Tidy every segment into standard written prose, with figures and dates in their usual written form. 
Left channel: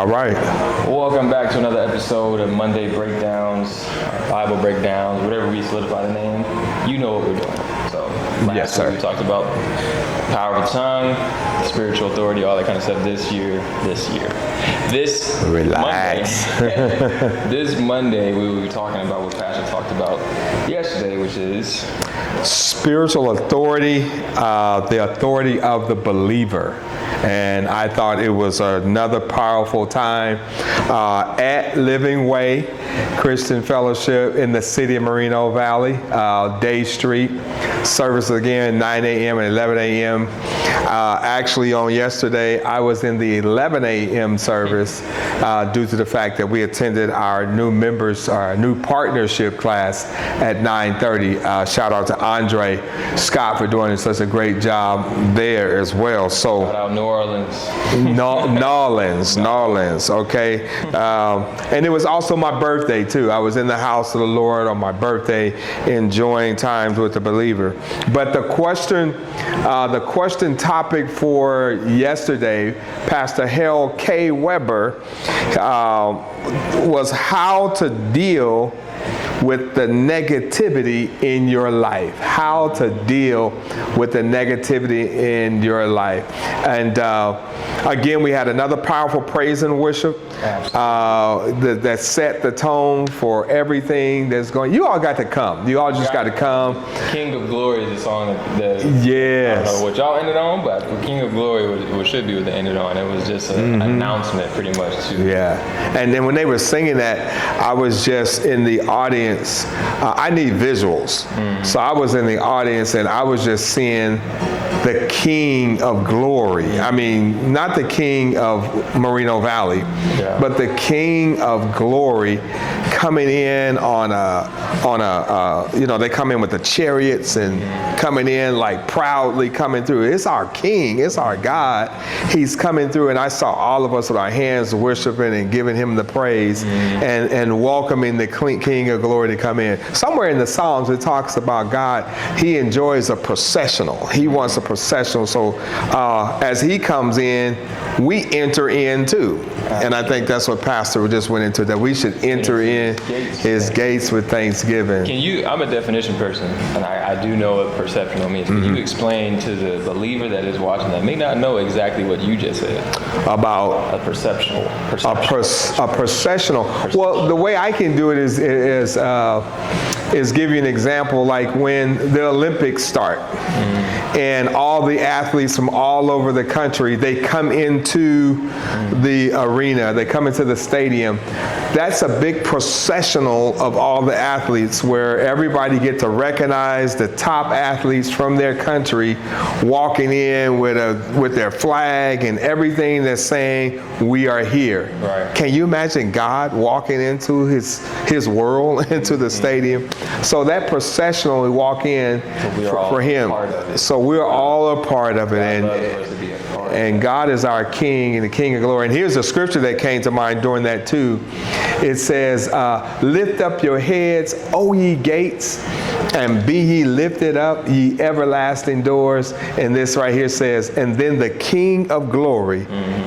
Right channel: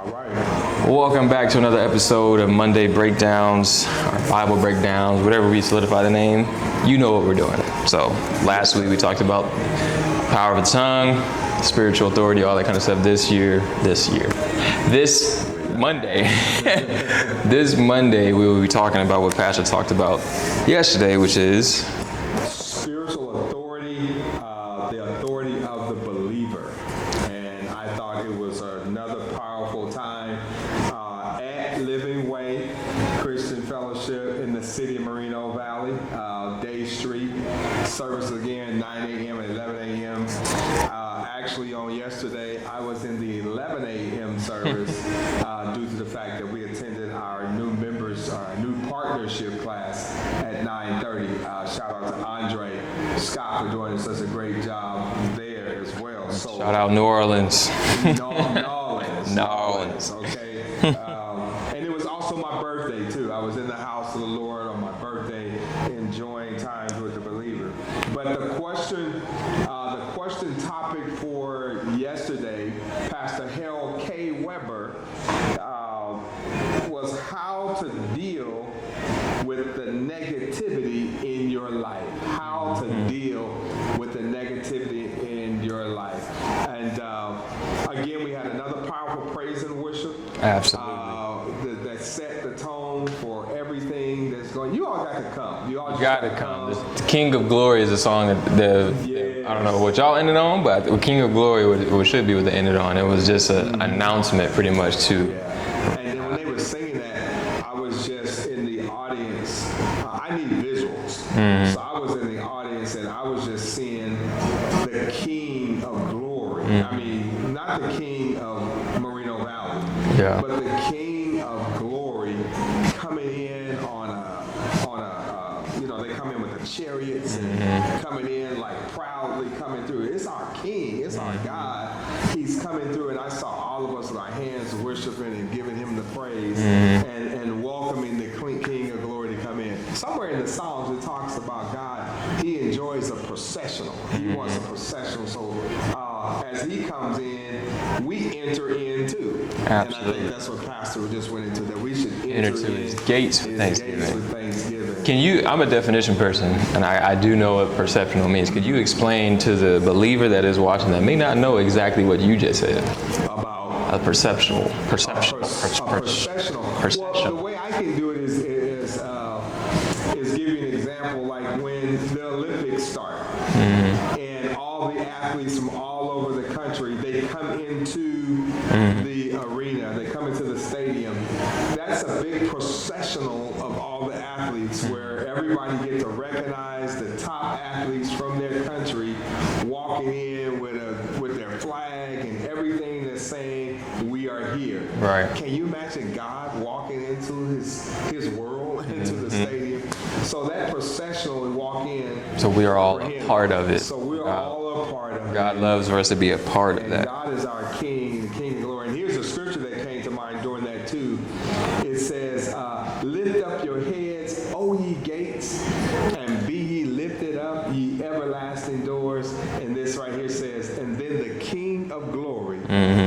All right. Welcome back to another episode of Monday Breakdowns, or Bible Breakdowns, whatever we solidify the name. You know what we're doing. So last week we talked about power of the tongue, spiritual authority, all that kind of stuff. This Monday we will be talking about what Pastor talked about yesterday, which is spiritual authority, the authority of the believer. And I thought it was another powerful time at Living Way Christian Fellowship in the city of Moreno Valley, Day Street. Service again, 9 a.m. and 11 a.m. Actually, on yesterday, I was in the 11 a.m. service due to the fact that we attended our new members, our new partnership class at 9:30. Shout out to Andre Scott for doing such a great job there as well. So shout out New Orleans. Orleans, okay. And it was also my birthday too. I was in the house of the Lord on my birthday, enjoying times with the believer. But the question topic for yesterday, Pastor Harold K. Weber, was how to deal with the negativity in your life. How to deal with the negativity in your life. And again, we had another powerful praise and worship that set the tone for everything that's going. You all got to come. You all just got to come. King of Glory is a song that yes. I don't know what y'all ended on, but King of Glory should be what they ended on. It was just an announcement pretty much too. Yeah. And then when they were singing that, I was just in the audience. I need visuals. So I was in the audience and I was just seeing the King of Glory. I mean, not the King of Moreno Valley, but the King of Glory coming in on a they come in with the chariots and coming in like proudly coming through. It's our King. It's our God. He's coming through, and I saw all of us with our hands worshiping and giving him the praise and welcoming the King of Glory to come in. Somewhere in the Psalms it talks about God, he enjoys a processional. He wants a processional. So as he comes in, we enter in too. Absolutely. And I think that's what Pastor just went into, that we should enter in his gates with thanksgiving. I'm a definition person, and I do know what perceptional means. Can you explain to the believer that is watching that may not know exactly what you just said about a processional? Well, the way I can do it is give you an example, like when the Olympics start. And all the athletes from all over the country, they come into the arena, they come into the stadium. That's a big processional of all the athletes where everybody get to recognize the top athletes from their country walking in with their flag and everything that's saying, we are here. Right. Can you imagine God walking into his world, into the stadium? So that processional, we walk in for him. Part of it. So we're all a part of it. God loves for us to be a part of it. And God is our King and the King of Glory. And here's a scripture that came to mind during that too. It says, lift up your heads, O ye gates, and be ye lifted up, ye everlasting doors. And this right here says, and then the King of Glory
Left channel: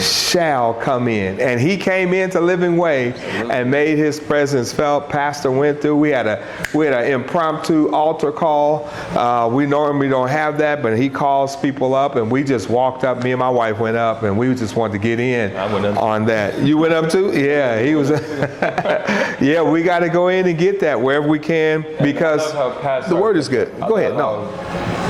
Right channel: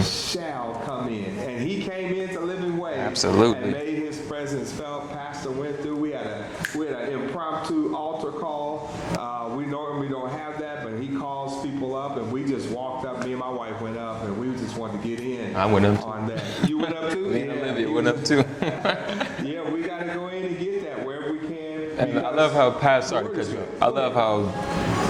shall come in. And he came into Living Way and made his presence felt. Pastor went through. We had an impromptu altar call. We normally don't have that, but he calls people up, and we just walked up. Me and my wife went up, and we just wanted to get in on that. You went up too? Yeah, he was. Yeah, we got to go in and get that wherever we can, because the word is good. Go ahead.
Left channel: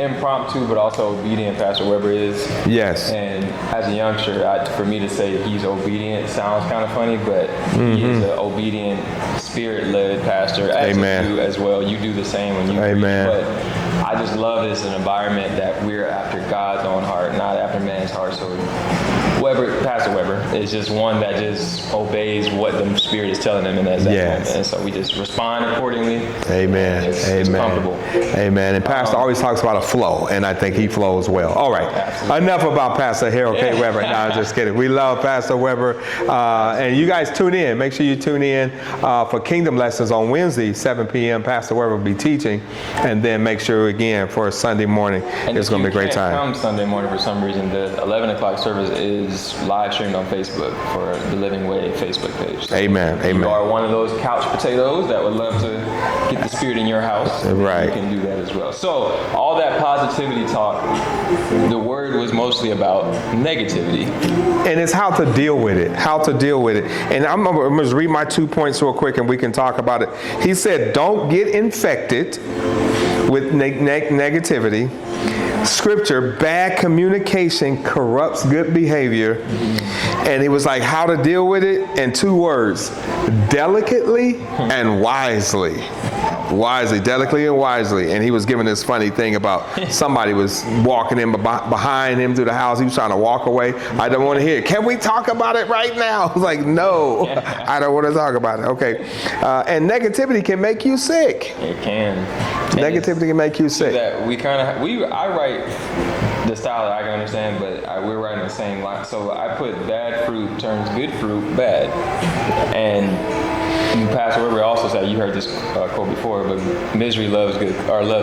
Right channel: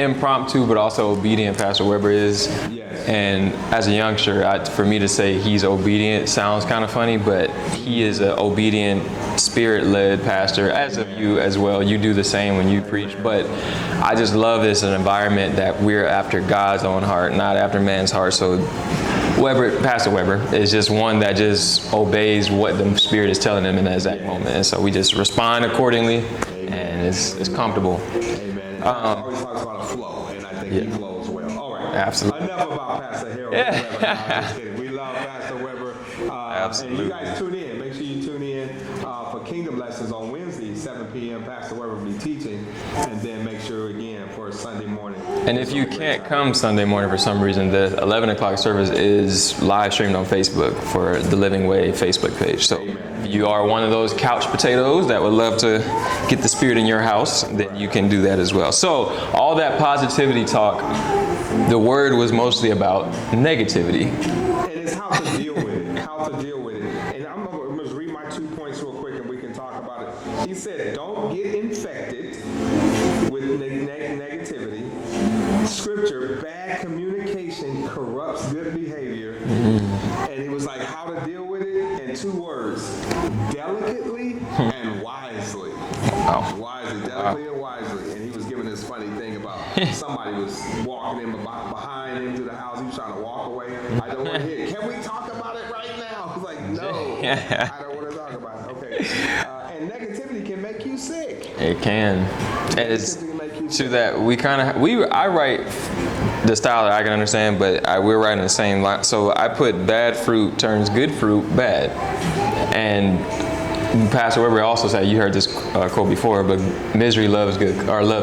Impromptu, but also obedient Pastor Weber is. Yes. And as a youngster, for me to say he's obedient sounds kind of funny, but he is an obedient, spirit-led pastor, as you do as well. You do the same when you preach. But I just love this an environment that we're after God's own heart, not after man's heart. So Pastor Weber is just one that just obeys what the Spirit is telling him in that moment. And so we just respond accordingly. Amen. It's comfortable. Amen. And Pastor always talks about a flow, and I think he flows well. All right. Absolutely. Enough about Pastor Harold K. Weber. No, I'm just kidding. We love Pastor Weber. And you guys tune in. Make sure you tune in for Kingdom Lessons on Wednesday, 7 p.m. Pastor Weber will be teaching. And then make sure, again, for Sunday morning, and it's going to be a great time. If you can't come Sunday morning for some reason, the 11 o'clock service is is live streamed on Facebook for the Living Way Facebook page. So Amen. If you are one of those couch potatoes that would love to get the Spirit in your house, then you can do that as well. So all that positivity talk, the word was mostly about negativity. And it's how to deal with it, And I'm going to read my 2 points real quick and we can talk about it. He said, don't get infected with negativity. Scripture, bad communication corrupts good behavior. And he was like, how to deal with it in 2 words, delicately and wisely. Wisely, delicately and wisely. And he was giving this funny thing about somebody was walking in behind him through the house. He was trying to walk away. I don't want to hear it. Can we talk about it right now? I was like, no, I don't want to talk about it. Okay. And negativity can make you sick. It can. Negativity can make you sick. That I write the style that I can understand, but we're writing the same line. So I put bad fruit turns good fruit bad. And Pastor Weber also said, you heard this quote before, but misery loves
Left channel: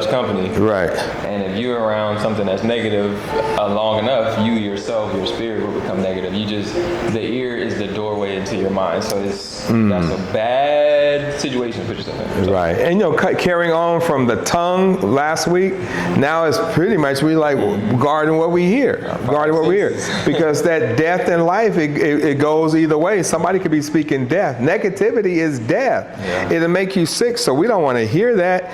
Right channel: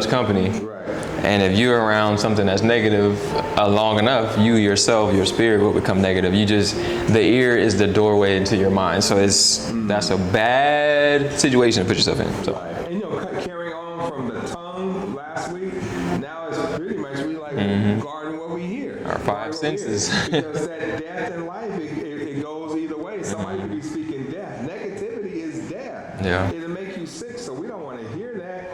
company. Right. And if you're around something that's negative long enough, you yourself, your spirit will become negative. The ear is the doorway into your mind. So that's a bad situation to put yourself in. So. Right. And carrying on from the tongue last week, now it's pretty much guarding what we hear. Because that death in life, it goes either way. Somebody could be speaking death. Negativity is death. Yeah. It'll make you sick, so we don't want to hear that.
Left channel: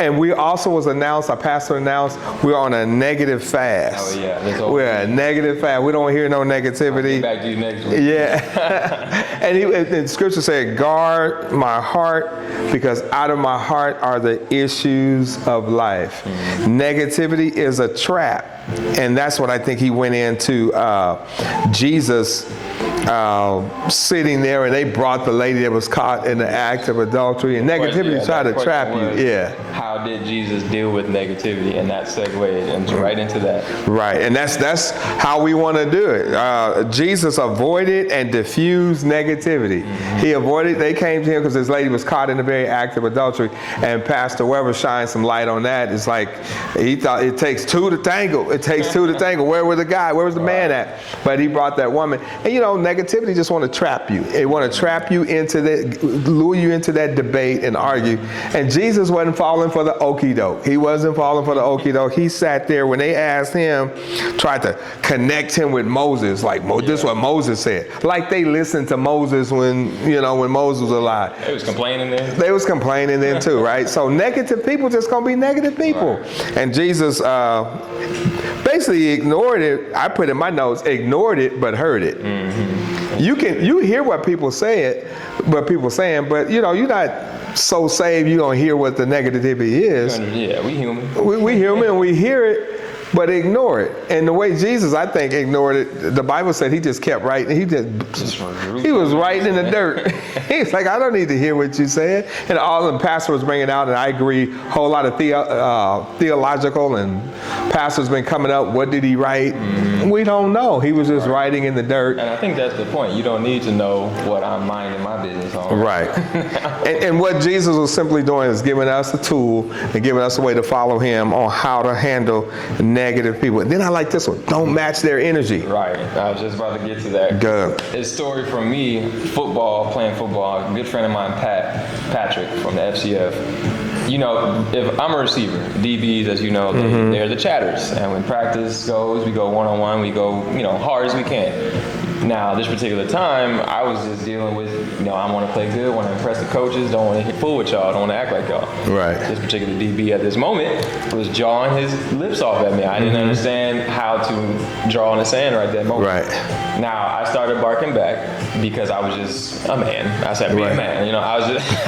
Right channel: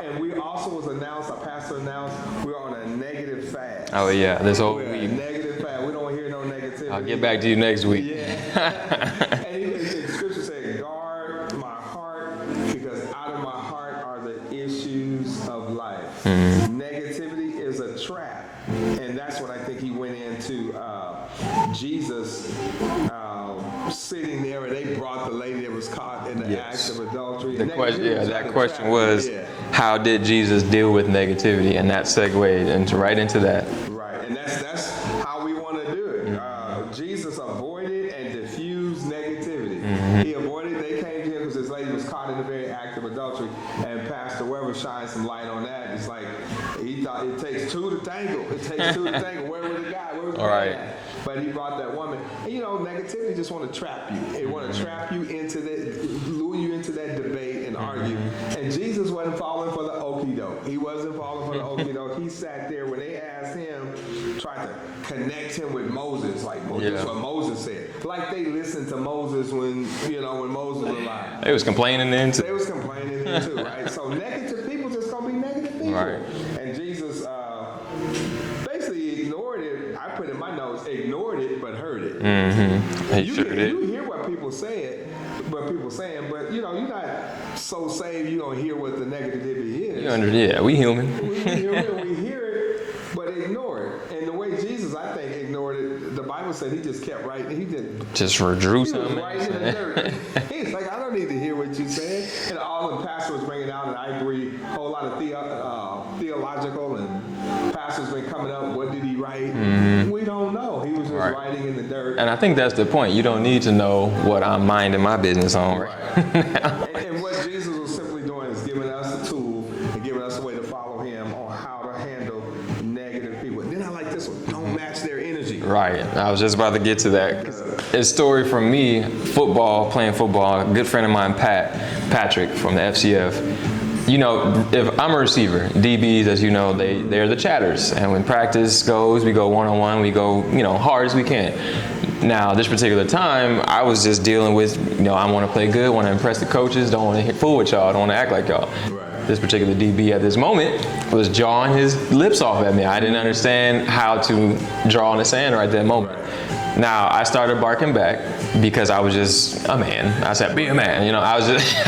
And we also our pastor announced, we're on a negative fast. Oh yeah, we're a negative fast. We don't hear no negativity. I'll get back to you next week. Yeah. and Scripture said, guard my heart, because out of my heart are the issues of life. Negativity is a trap. And that's what I think he went into Jesus sitting there, and they brought the lady that was caught in the act of adultery, and negativity tried to trap you. How did Jesus deal with negativity? And that segued right into that. Right, and that's how we want to do it. Jesus avoided and diffused negativity. He avoided. They came to him because this lady was caught in the very act of adultery, and Pastor Weber shined some light on that. It's like he thought it takes 2 to tango. It takes 2 to tango. Where was the guy? Where was the man at? But he brought that woman. And negativity just want to trap you. It want to trap you into that, lure you into that debate and argue. And Jesus wasn't falling for the okie doke. He wasn't falling for the okie doke. He sat there when they asked him, tried to connect him with Moses. This is what Moses said. Like they listened to Moses when Moses was alive. They was complaining then. They was complaining then too, right? So negative people just gonna be negative people. Right. And Jesus basically ignored it. I put in my notes, ignored it, but heard it. You hear what people say but you're not so saved you don't hear what the negativity is. Yeah, we human. We human and we hear it, but ignore it. And the way Jesus, I think, ignored it, the Bible said he just kept writing. He was writing in the dirt. He's like, I don't need to hear what you said. And all the pastor was bringing out, and I agree, a whole lot of theological, and pastors been coming up, what did he write? We don't know. He was just writing in the dirt. And I think that's the point. You don't need to know what I'm minding my business on. Right. and what Jesus was simply doing is giving us a tool and giving us a way to follow him on how to handle negative people. And then I like this one. Don't match their energy. Right. I was just about to get to that. Good. A story from me, playing football, a good friend of mine, Patrick from the FCF. If I'm a receiver, DBs, as you know, they're the chatters. And when practice goes, we go one-on-one, we go, hard as we can. Now, this particular time, I was just dealing with, I want to play good, want to impress the coaches, don't want to fool with y'all, don't want to act like y'all. Right. This particular DB at this moment was jawing his lips off at me. I didn't understand how to draw in the sand right that moment. Right. Now, I started barking back because I was just a man. I said, be a man. I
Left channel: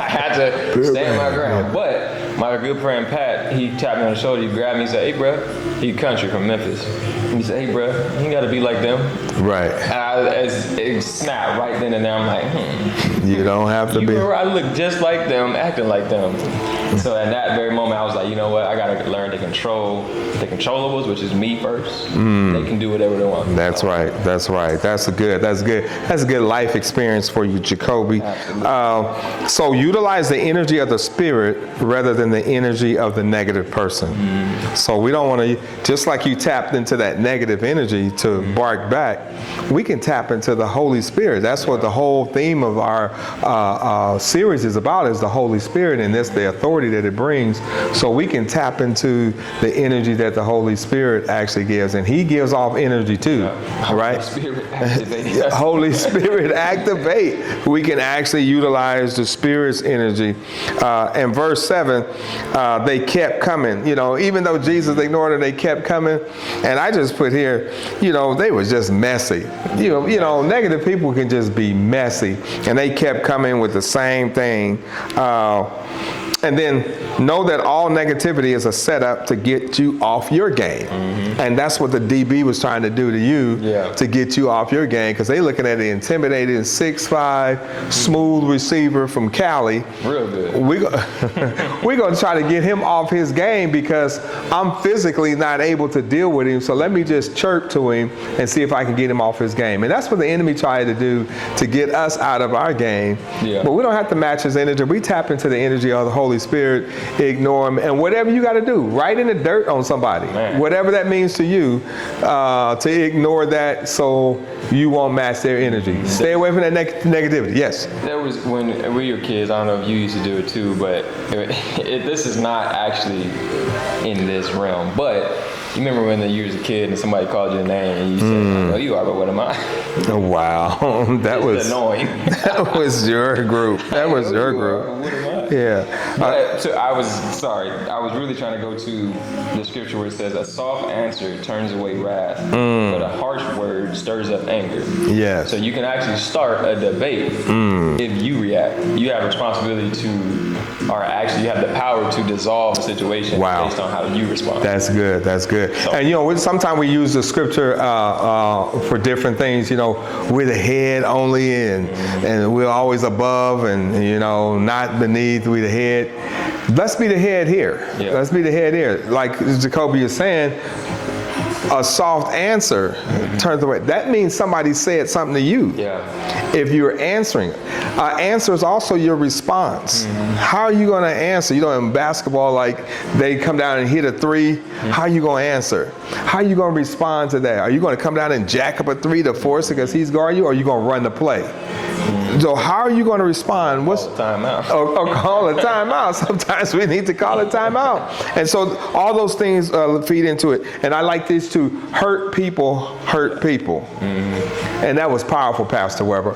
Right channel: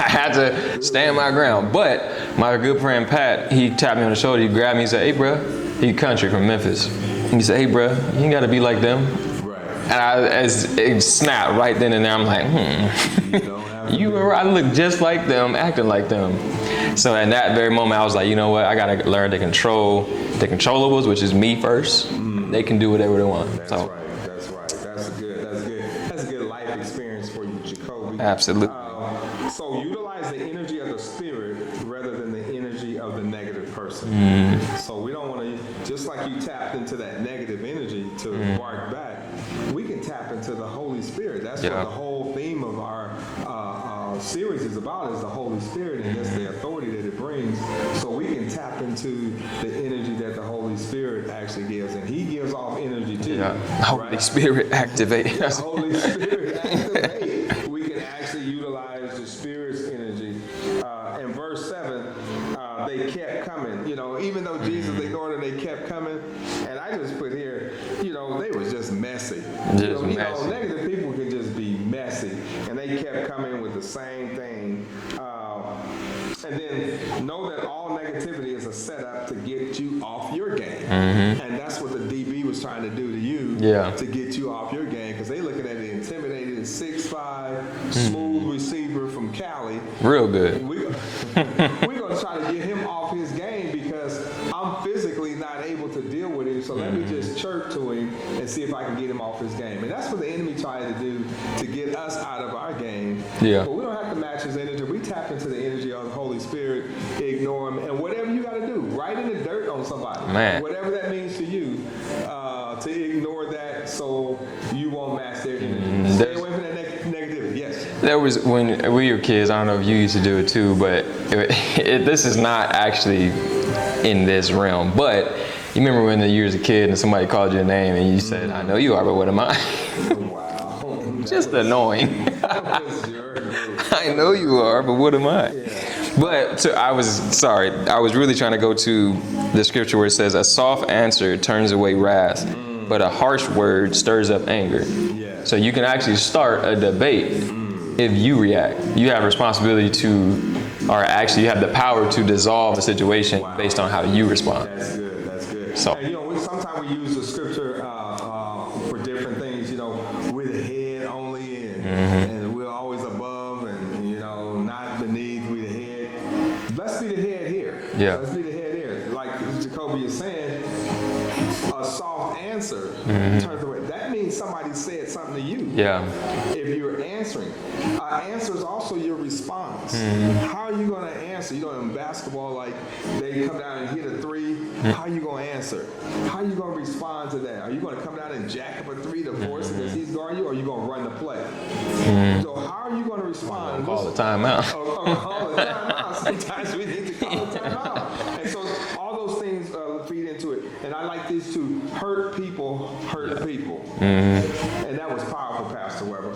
had to stand my ground. But my good friend Pat, he tapped me on the shoulder, he grabbed me, he said, hey, bro, he country from Memphis. He said, hey, bro, you got to be like them. Right. And it snapped right then and there. I'm like, You don't have to be. I look just like them, acting like them. So in that very moment, I was like, you know what? I got to learn to control the controllables, which is me first. They can do whatever they want. That's right. That's a good life experience for you, Jacoby. Absolutely. So utilize the energy of the spirit rather than the energy of the negative person. So we don't want to, just like you tapped into that negative energy to bark back, we can tap into the Holy Spirit. That's what the whole theme of our series is about, is the Holy Spirit, and that's the authority that it brings. So we can tap into the energy that the Holy Spirit actually gives, and He gives off energy too, right? Holy Spirit activate. Holy Spirit activate. We can actually utilize the Spirit's energy. In verse 7, they kept coming. Even though Jesus ignored it, they kept coming. And I just put here, they were just messy. Negative people can just be messy. And they kept coming with the same thing. And then know that all negativity is a setup to get you off your game. And that's what the DB was trying to do to you, to get you off your game, because they looking at the intimidating 6'5", smooth receiver from Cali. Real good. We're going to try to get him off his game because I'm physically not able to deal with him. So let me just chirp to him and see if I can get him off his game. And that's what the enemy tried to do to get us out of our game. But we don't have to match his energy. We tap into the energy of the Holy Spirit, ignore him, and whatever you got to do, write in the dirt on somebody. Whatever that means to you, to ignore that so you won't match their energy. Stay away from that negativity. Yes? That was when we were kids. I don't know if you used to do it too, but this is not actually in this realm. But you remember when you was a kid and somebody called your name and you said, I know you are, but what am I? Wow. That was annoying. That was your group. That was your group. Are, but what am I? Yeah. But I was really trying to go to the scripture where it says, a soft answer turns away wrath, but a harsh word stirs up anger. Yes. So you can actually start a debate if you react. You have responsibility or actually you have the power to dissolve a situation based on how you respond. That's good. That's good. So, and sometimes we use the scripture for different things. We're the head only, and we're always above, and not beneath. We're the head. Let's be the head here. Let's be the head here. Like Jacoby is saying, a soft answer turns away. That means somebody said something to you. If you're answering, answer is also your response. How are you going to answer? In basketball, like they come down and hit a three. How are you going to answer? How are you going to respond to that? Are you going to come down and jack up a three to force it because he's guarding you, or are you going to run the play? So how are you going to respond? Call a timeout. Or call a timeout. Sometimes we need to call a timeout. And so all those things feed into it. And I like this too. Hurt people hurt people. And that was powerful, Pastor Weber.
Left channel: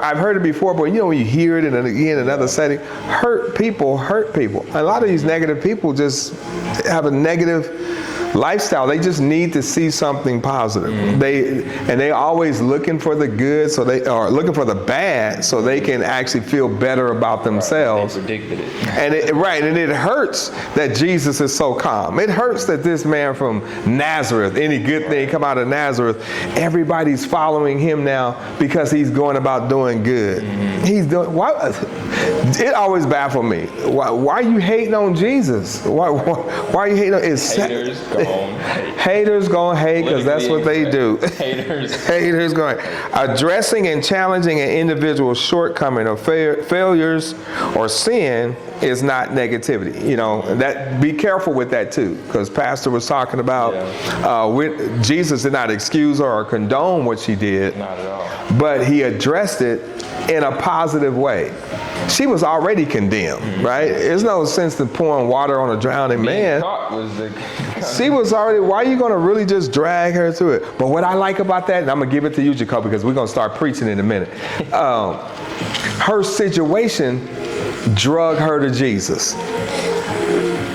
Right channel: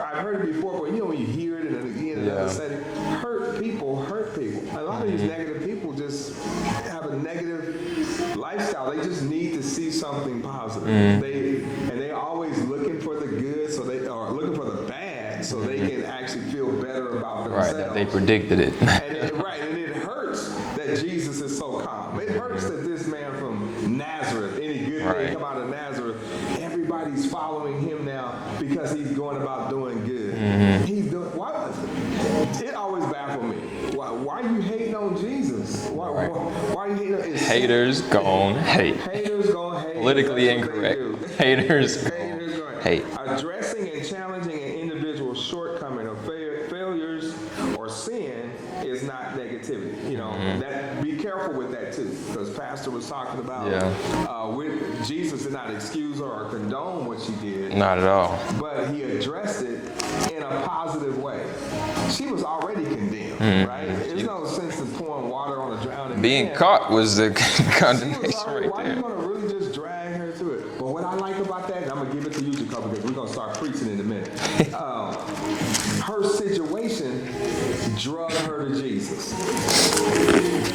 I've heard it before, but when you hear it in another setting, hurt people hurt people. A lot of these negative people just have a negative lifestyle. They just need to see something positive. They always looking for the good, so they are looking for the bad, so they can actually feel better about themselves. They predicted it. And it hurts that Jesus is so calm. It hurts that this man from Nazareth, any good thing come out of Nazareth, everybody's following him now because he's going about doing good. He's doing. Why? It always baffled me. Why are you hating on Jesus? Why are you hating on? Haters gonna hate. Haters gonna hate because that's what they do. Haters gonna hate. Addressing and challenging an individual's shortcoming or failures or sin is not negativity. That be careful with that too, because Pastor was talking about Jesus did not excuse her or condone what she did. Not at all. But he addressed it in a positive way. She was already condemned, right? There's no sense in pouring water on a drowning man. Being caught was the She was already, why are you going to really just drag her through it? But what I like about that, and I'm going to give it to you, Jacob, because we're going to start preaching in a minute. Her situation drug her to Jesus.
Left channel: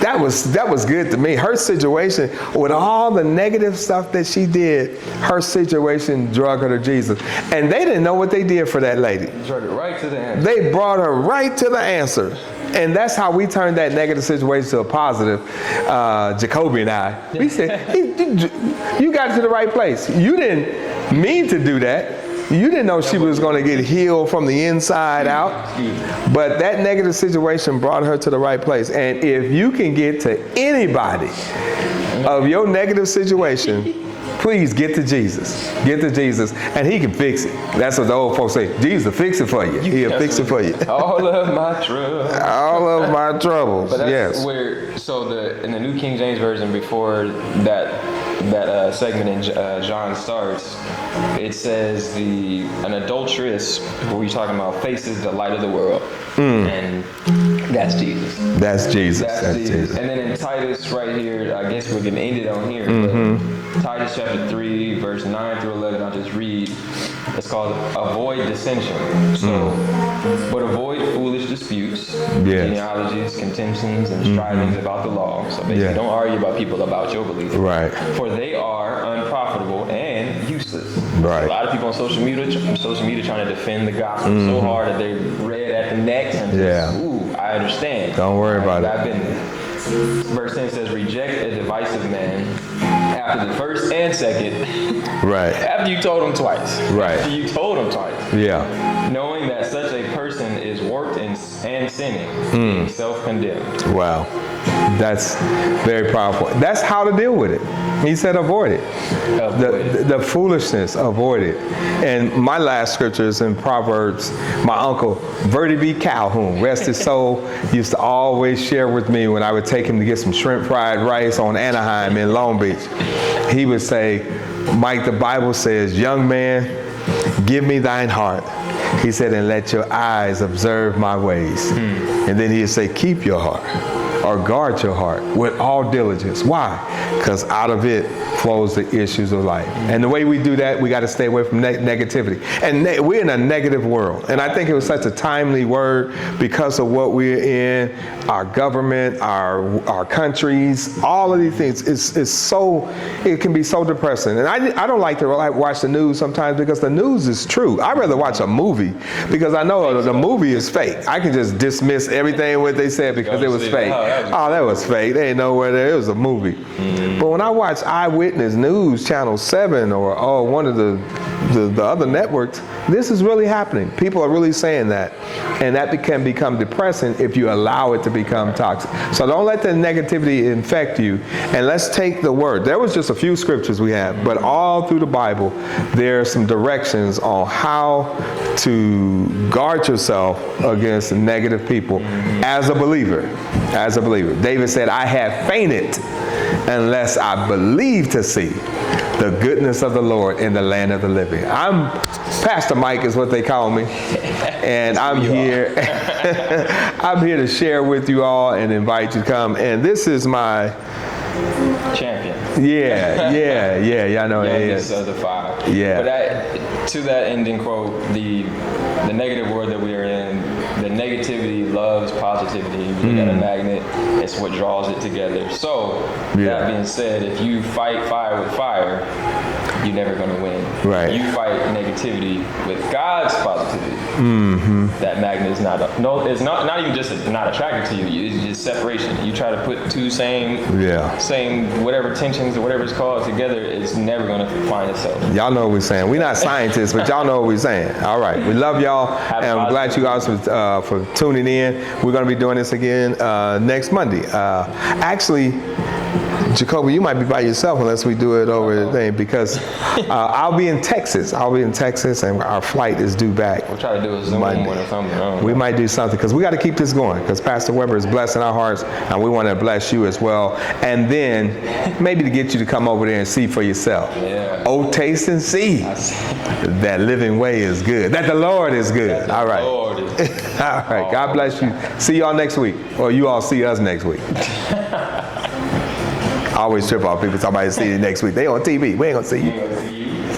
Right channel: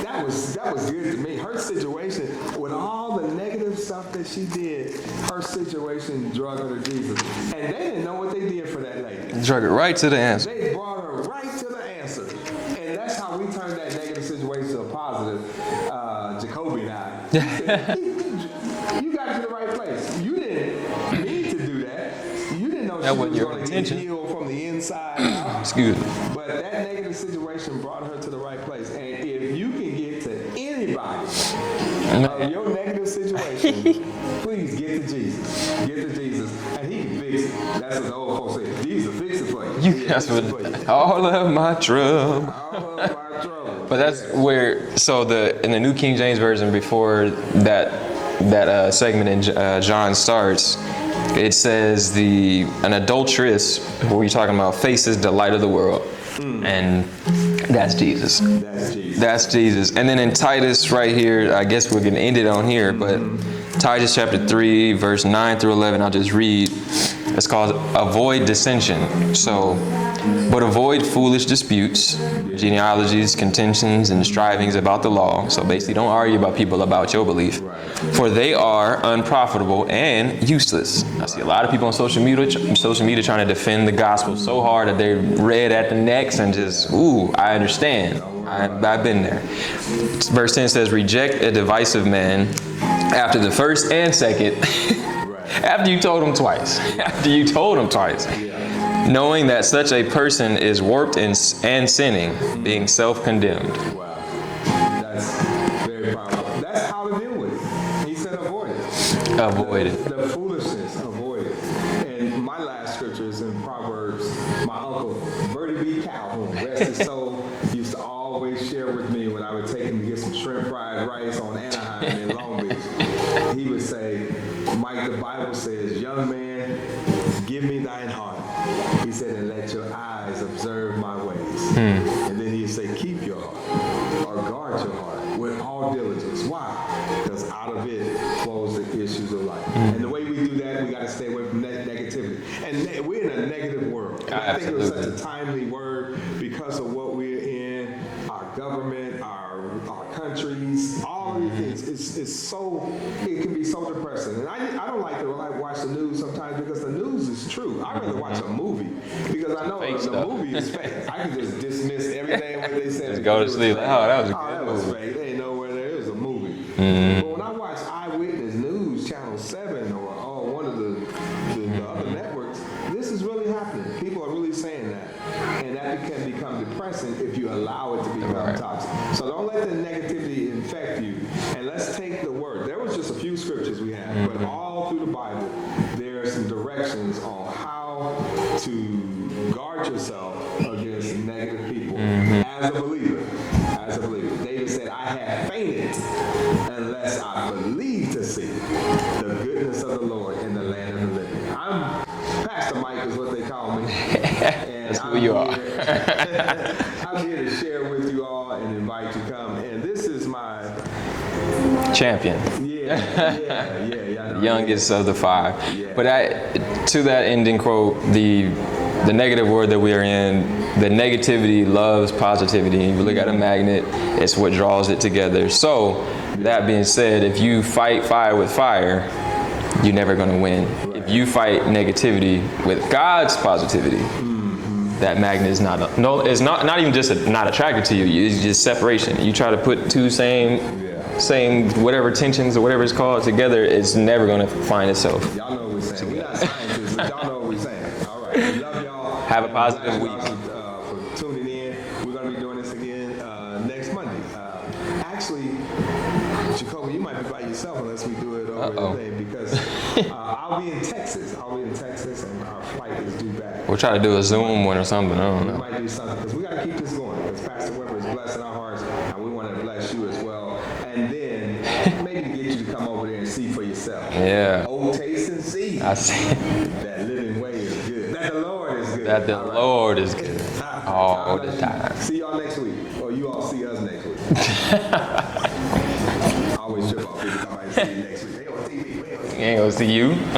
That was good to me. Her situation, with all the negative stuff that she did, her situation drug her to Jesus. And they didn't know what they did for that lady. Drug her right to the answer. They brought her right to the answer. And that's how we turned that negative situation to a positive. Jacoby and I. He said, you got to the right place. You didn't mean to do that. You didn't know she was going to get healed from the inside out. Excuse me. But that negative situation brought her to the right place. And if you can get to anybody of your negative situation, please get to Jesus. Get to Jesus, and he can fix it. That's what the old folks say. Jesus will fix it for you. He'll fix it for you. All of my troubles. All of my troubles. But that's where, in the New King James Version, before that segment in John starts, it says an adulteress, who we're talking about, faces the light of the world. And that's Jesus. That's Jesus. That's Jesus. And then in Titus right here, I guess we're going to end it on here, but Titus chapter 3, verse 9 through 11, I'll just read. It's called avoid dissension. So, but avoid foolish disputes, genealogies, contentions, and strivings about the law. So basically, don't argue about people about your belief. Right. For they are unprofitable and useless. I see a lot of people on social media trying to defend the gospel so hard that they're red at the necks and just, I understand. Don't worry about it. I've been there. Verse 10 says, reject a divisive man after the first and second. Right. After you told him twice. Right. After you told him twice. Yeah. Knowing that such a person is warped and sinning, being self-condemned. Wow. That's very powerful. That's how to deal with it. He said avoid it. The foolishness, avoid it. And my last scripture is in Proverbs. My uncle, Verdi B. Calhoun, rest his soul, used to always share with me when I would take him to get some shrimp fried rice on Anaheim in Long Beach. He would say, Mike, the Bible says, young man, give me thine heart. He said, and let your eyes observe my ways. And then he'd say, keep your heart, or guard your heart with all diligence. Why? Because out of it flows the issues of life. And the way we do that, we got to stay away from negativity. And we're in a negative world. And I think it was such a timely word because of what we're in, our government, our countries, all of these things. It can be so depressing. And I don't like to watch the news sometimes because the news is true. I'd rather watch a movie because I know the movie is fake. I can just dismiss everything what they said because it was fake. That was fake. They ain't nowhere there. It was a movie. But when I watch Eyewitness News, Channel 7, or one of the other networks, this is really happening. People are really saying that. And that can become depressing if you allow it to become toxic. So don't let the negativity infect you. And let's take the word. There was just a few scriptures we have, but all through the Bible, there are some directions on how to guard yourself against negative people as a believer. As a believer. David said, I have fainted unless I believe to see the goodness of the Lord in the land of the living. I'm Pastor Mike is what they call me. And I'm here. I'm here to share with you all and invite you to come. And this is my champion. Yeah. I know. Youngest of the five. Yeah. But to that ending quote, the negative world that we're in, the negativity loves positivity. You look at a magnet, it's what draws it together. So, that being said, if you fight fire with fire, you're never going to win. Right. You fight negativity with God's positivity. That magnet is not even just not attracted to you. It's just separation. You try to put two same whatever tensions or whatever it's called together, it's never going to find itself. Y'all know what we're saying. We're not scientists, but y'all know what we're saying. All right. We love y'all. And I'm glad you guys for tuning in. We're going to be doing this again next Monday. Actually, Jacoby, you might be by yourself unless we do it over the thing because I'll be in Texas. And our flight is due back. We'll try to do a Zoom one or something. We might do something because we got to keep this going because Pastor Weber is blessing our hearts and we want to bless you as well. And then maybe to get you to come over there and see for yourself. Yeah. Oh, taste and see. I see. That living way is good. That the Lord is good. That the Lord is good. All right. God bless you. See y'all next week. Or you all see us next week. I always trip off people talking about see you next week. They on TV. We ain't gonna see you. Ain't gonna see you.